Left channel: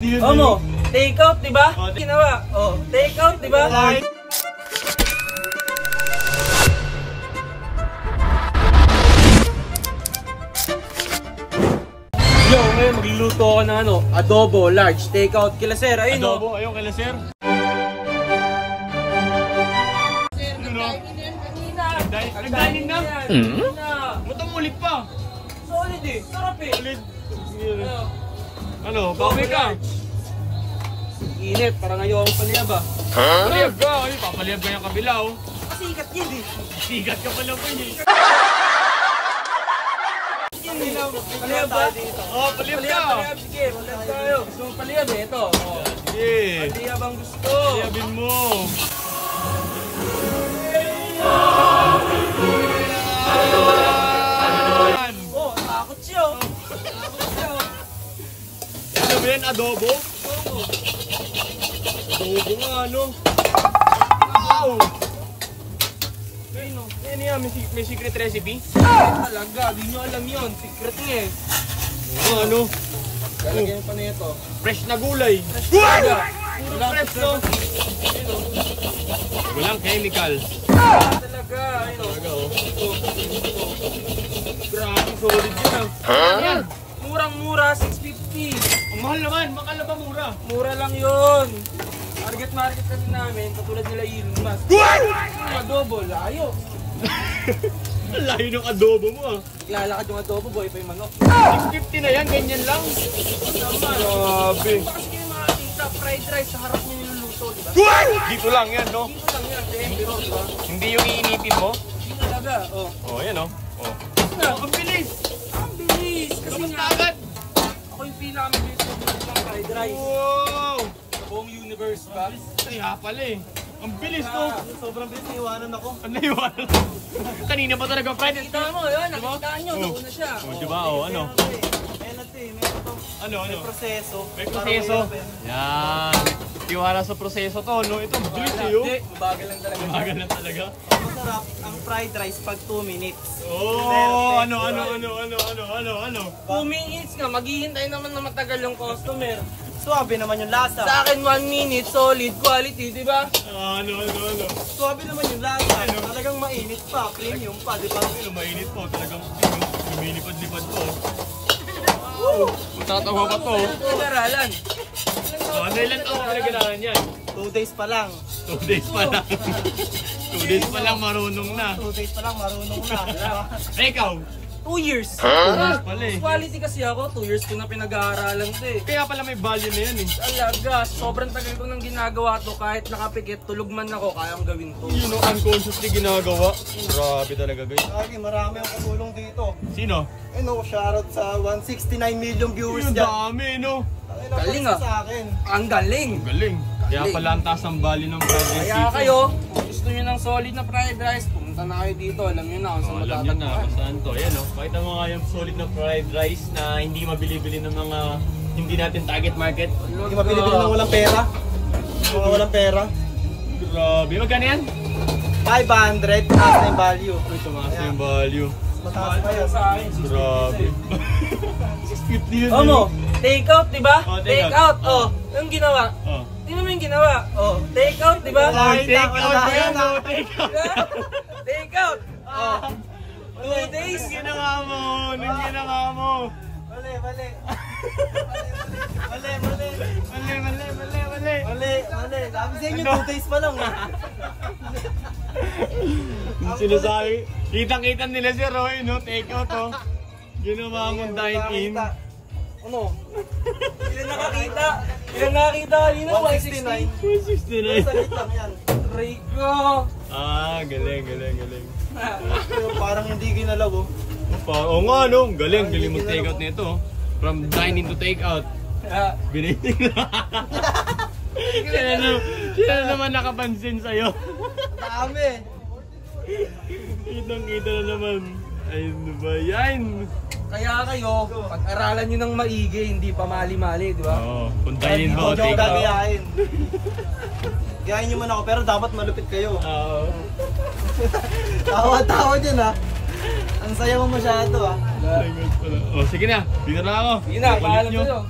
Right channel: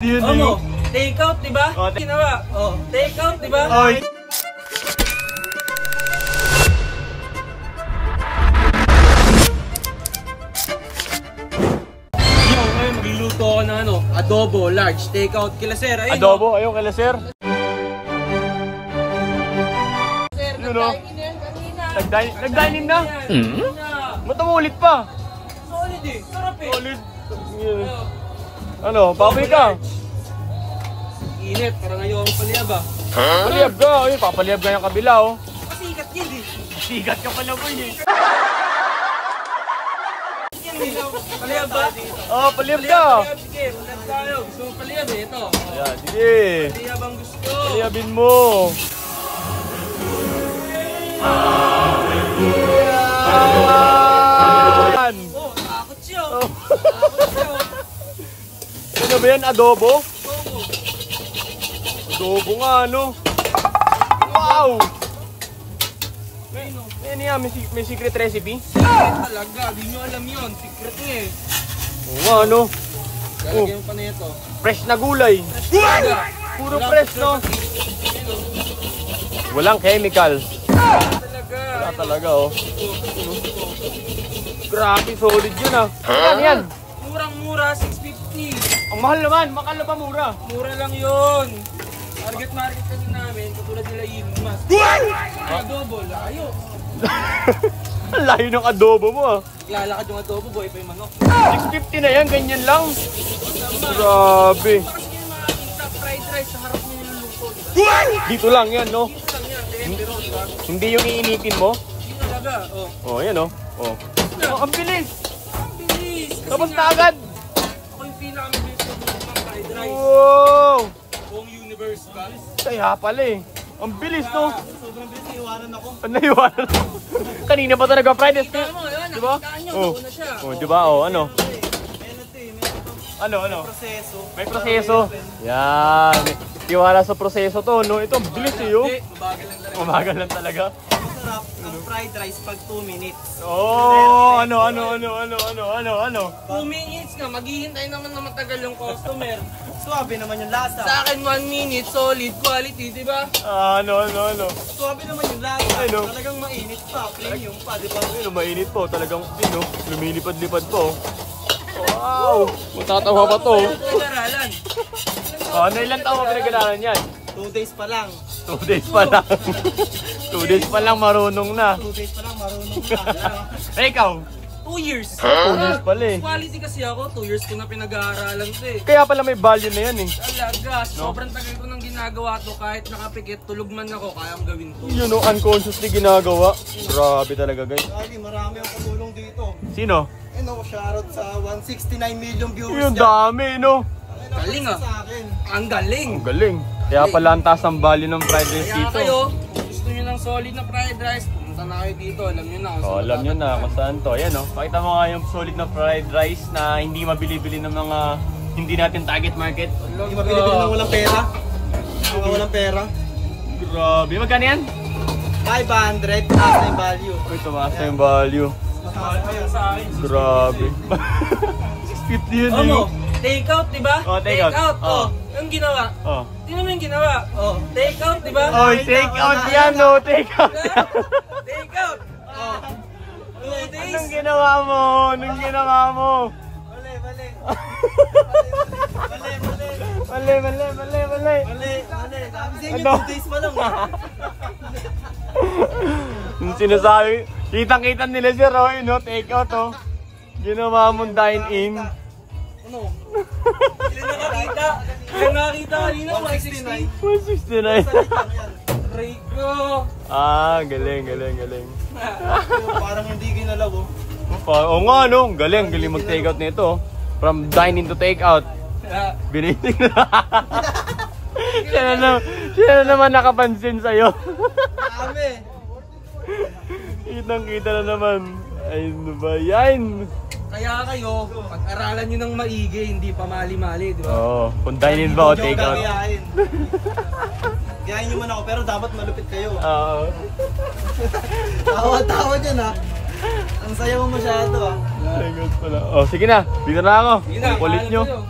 Mo, take out, di ba? Ginawa. Oh, take out, di ba? Yo, ngayon magluluto ako ng adobo large take out kila sir. Ayun. Adobo, ayun kila sir. Sir, nag-dining yan kanina. Nag-dining na? Ba't ulit pa? Solid eh. Sarap eh. Solid. Ano, baboy ka? Init, parang ayokong paliyab ah. Paliyab ka, ayun, papaliyab ka yung kabila oh. Pasikat yun eh. Sigat ka pala po yun. Paliyab ba? Oh, paliyab ka. Paliyab, sige. Paliyab tayo. Gusto mo paliyab eh. Ito. Oh. Sige. Paliyab ang gusto. Paliyabin mo. Oh, takot siya. Takot siya. Ano ba yan, adobo? Adobo nga, ano? Wow! Ano yan, may secret recipe? Talaga, di nyo alam yun. Secret niya eh. Oo, ano? Lalagyan pa na ito. Fresh na gulay. Talaga. Puro fresh, no? Walang chemical. Talaga. Talaga, oh. Grabe, solid yun, ah. Ano yan? Murang-mura, 650. Ang mahal naman, makala pa mura. Mura lang yun. Target market kasi namin, katulad nila Elon Musk. Yung adobo, layo. Ang layo ng adobo mo, ah. Lalakad yung adobo, boy pa yung manok. 650 na yan, ganyan lang. Grabe. Kasi kayo makakita, fried rice sa harap nyo niluluto, diba? Dito lang yan, no? Dito lang yan, pero diba? Hindi yung iinitin mo? Hindi talaga, oh. Oh, yan, oh. Oh. Na, Ang bilis! ang bilis! Kasi Tapos nga, na agad! ako yung pinaka-bilis na bilis ng fried rice. Wow! Buong universe ba? Kaya pala eh. Ang bilis, no? Sobrang bilis, naiwanan ako. Naiwanan. Kanina pa talaga Friday. Nakita mo, yun, nakita nyo, nauna siya. Oh, diba? Oh, ano? Ano? Proseso. May proseso. Yan. Tiwala sa proseso to, no? Ito, ang bilis eh, oh. Hindi, mabagal lang talaga. Mabagal lang talaga. Masarap ang fried rice pag 2 minutes. Oh, ano? 2 minutes nga, maghihintay naman na matagal yung customer. Suwabe naman yung lasa. Sa akin 1 minute, solid quality, di ba? Ano? Suwabe naman yung lasa. Ano? Talagang mainit pa, premium pa, di ba? Ano, mainit po. Talagang, ano, lumilipad-lipad po. Wow! Matatawa pa to. Pinag-aralan. Ano ilang taon ka pinag-aralan yan? 2 days pa lang. 2 days pa lang. 2 days pa lang marunong na. 2 days pa lang, marunong na. Eh, ikaw? 2 years. 2 years pala eh. Quality kasi ako, 2 years ko na pinag-aaralan to eh. Kaya pala may value na yan eh. Talaga, sobrang tagal ko nang ginagawa to. Kahit nakapikit, tulog man ako, kayang gawin to. Yun o, unconsciously ginagawa. Grabe talaga guys. Ay, marami ang kumulong dito. Sino? Eh no, shoutout sa 169 million viewers Yung dyan. dami no. Galing ah. Sa akin. Ang galing. Ang galing. Kaya pala ang taas ang value ng fried rice Kaya dito. kayo, kung gusto nyo ng solid na fried rice, pumunta na kayo dito. Alam nyo na kung saan Alam nyo na kung saan to. Ayan o. Pakita mo nga yung solid na fried rice na hindi mabili-bili ng mga hindi natin target market. Hindi mabili-bili ng walang pera. Mga walang pera. Grabe. Magkano yan? 500, taas na yung value. Uy, tumaas na yung value. Mataas pa yan. sa akin. Grabe. 650 yun. Mo, take out, di ba? Oh, take out. Oh, yung ginawa. Oh. Tingnan mo yung ginawa. Oh, take out, di ba? Oh, take out yan no. Take out. Take out. Oh. 2 days. Anong ginawa mo? Anong ginawa mo? Mali, mali. Mali. Sabi sa inyo, 2 days pa lang. Yung sinasabi, kitang-kita nila si Roy, no? Take out, oh. Ginawa mong dine-in. Ano? Ilan nakakita? Ilan nakakita kanina? 169. 169. Salit lang yan. Rico. Ah, galing. Pero parang hindi ginalaw, oh. Oo nga, no? Galing mag-take out nito. From dine-in to take out. Biniting na. Siya na naman nakapansin sa'yo. Dami. Kitang-kita na naman. Ay, ano ba yan? Kaya kayo, pag-aralan nyo ng maigi, hindi pa mali-mali, di ba? Oo, kung dine-in ba o take out. Gayahin. Gayahin nyo man ako, pero dapat malupit kayo. Oo. Tawa-tawa dyan ha. Ang saya mo masyado ha. Oh, sige na. Dito na ako. Sige na, Kulit paalam nyo. kayo.